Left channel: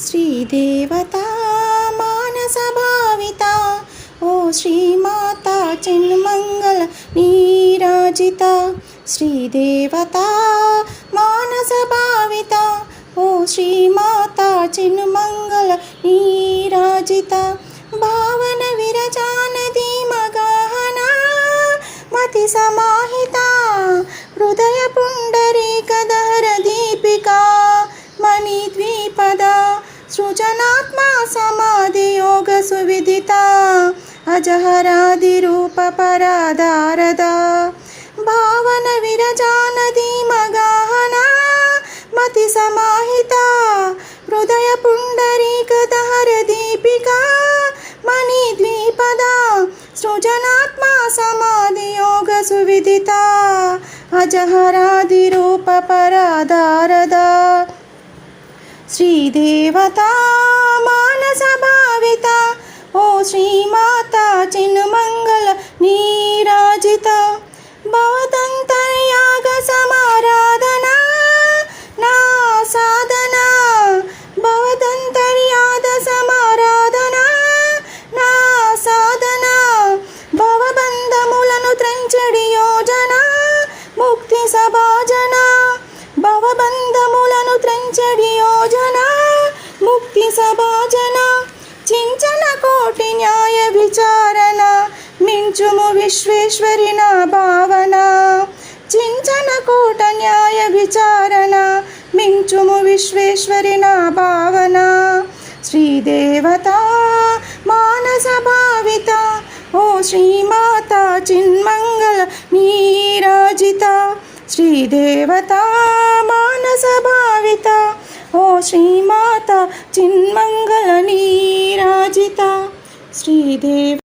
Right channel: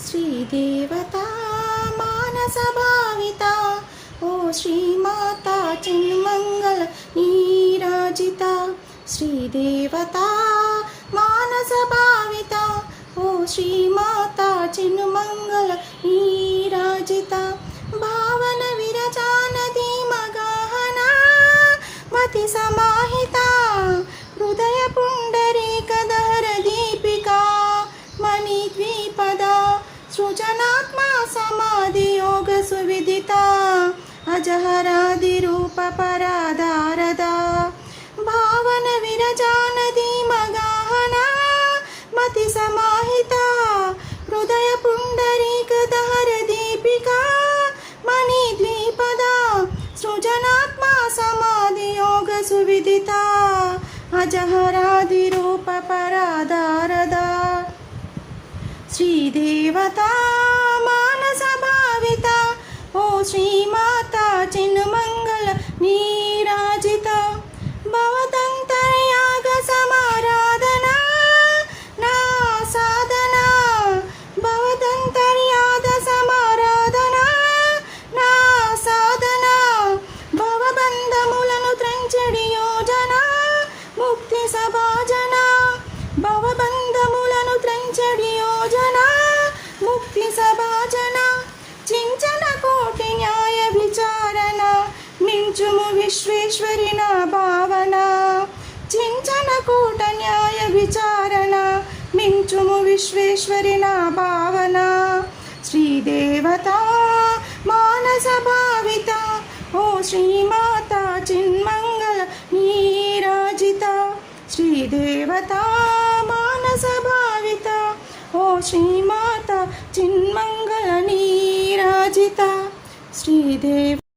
श्रीदेवता मानसभाविता ओ श्रीमाता चिन्मंगल नीराजिता श्रीदेवता मानसभाविता ओ श्रीमाता चिन्मंगल नीराजिता भावन विरजानदी मगाहना मति समाहिता हृदय पुंडरीकधर दीपिका मणिद्विपदा सृजनात्मा समाधि योग सुविदिता अजहरादि रूप पराधारदा भावन विरजानदी मगाहना मति समाहिता हृदय पुंडरीकधर दीपिका मणिद्विपदा सृजनात्मा समाधि योग सुविदिता अजहरादि रूप पराधारदा श्रीदेवता मानसभाविता ओ श्रीमाता चिन्मंगल नीराजिता भवदन्तर्याग समाराधना ना साधना भवदन्तर्याग समाराधना ना साधना भवबन्धमुలను త్రెంచెడి యోజన ముక్తి సభాజన భవబంధములను త్రెంచెడి యోజన ముక్తి సభాజన చించన కోటి న్యాయ విచారణ మించుము విశ్వేశ్వరి నా భావన చించన కోట న్యాయ విచారణ మించుము విశ్వేశ్వరి నా భావన శ్రీదేవతా మానస భావిత ఓ శ్రీమాతా చిన్మంగళ నీరాజిత श्रीदेवता मानस भाविता ओ श्रीमाता चिन्मंगल नीराजिता श्रीदेव।